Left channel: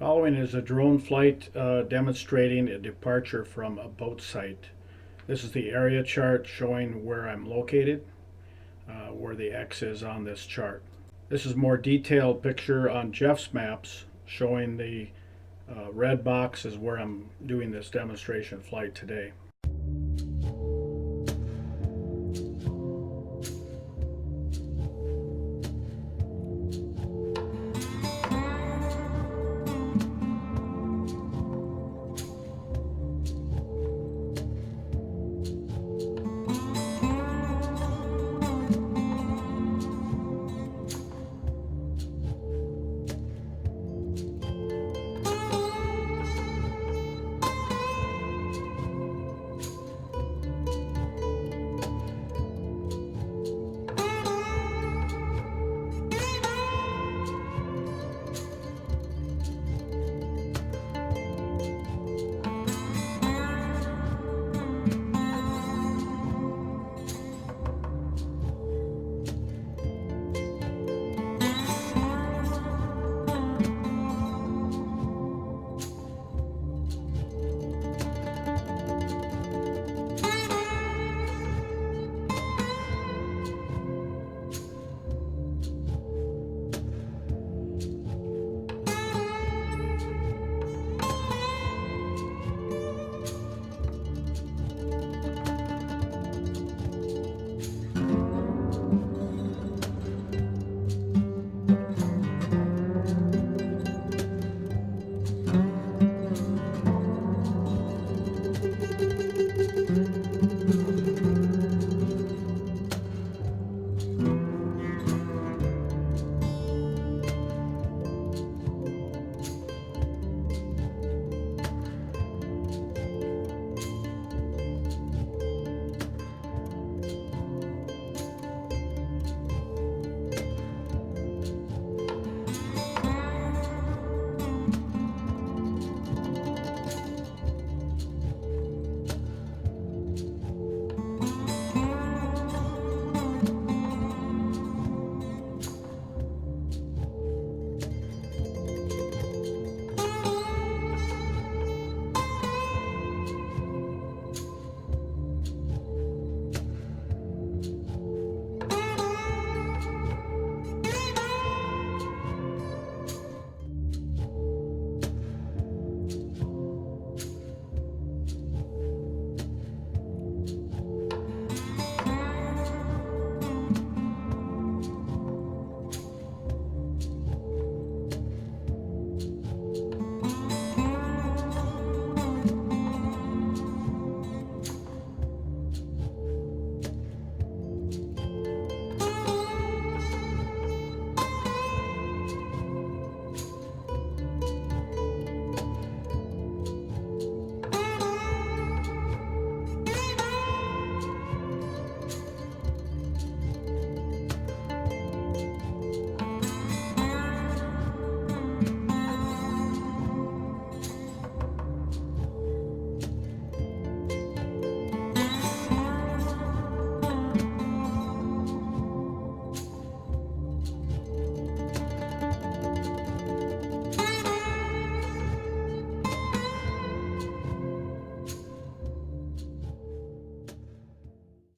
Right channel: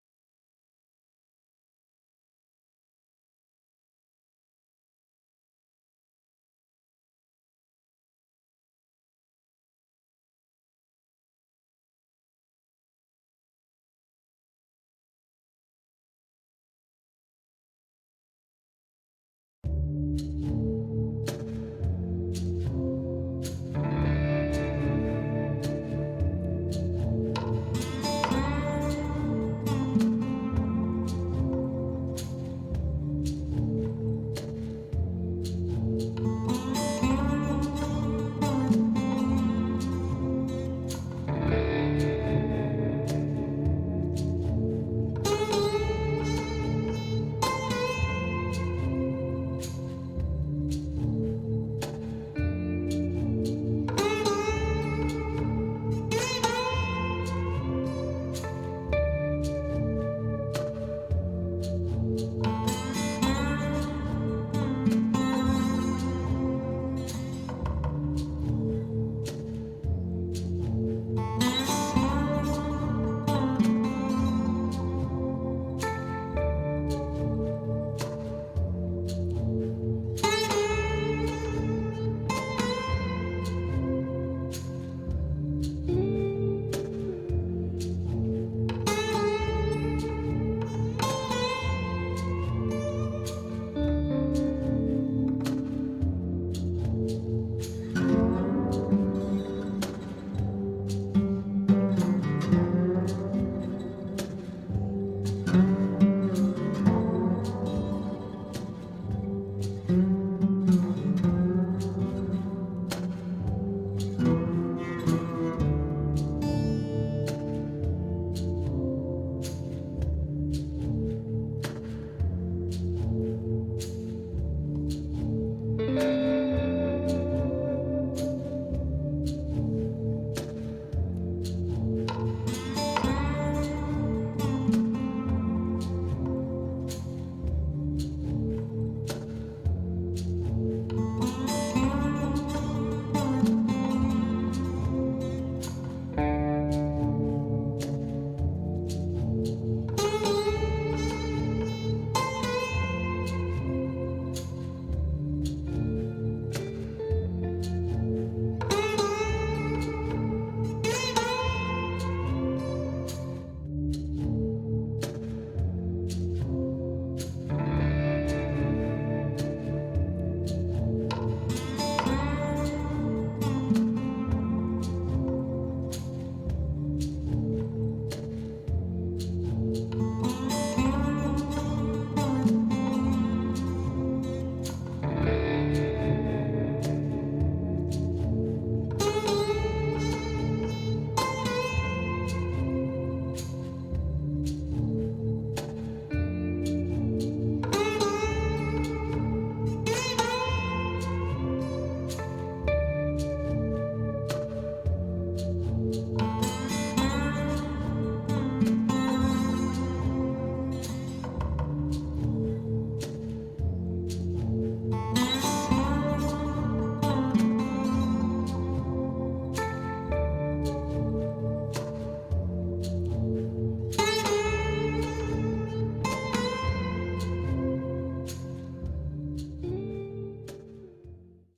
Following is a drone flight demonstrating a departure from a boat site. This is the area chart showing where I'm located, where the X is on this chart. This is a more detailed picture on Jeff's maps showing the red box is where I'm doing this demonstration flight today.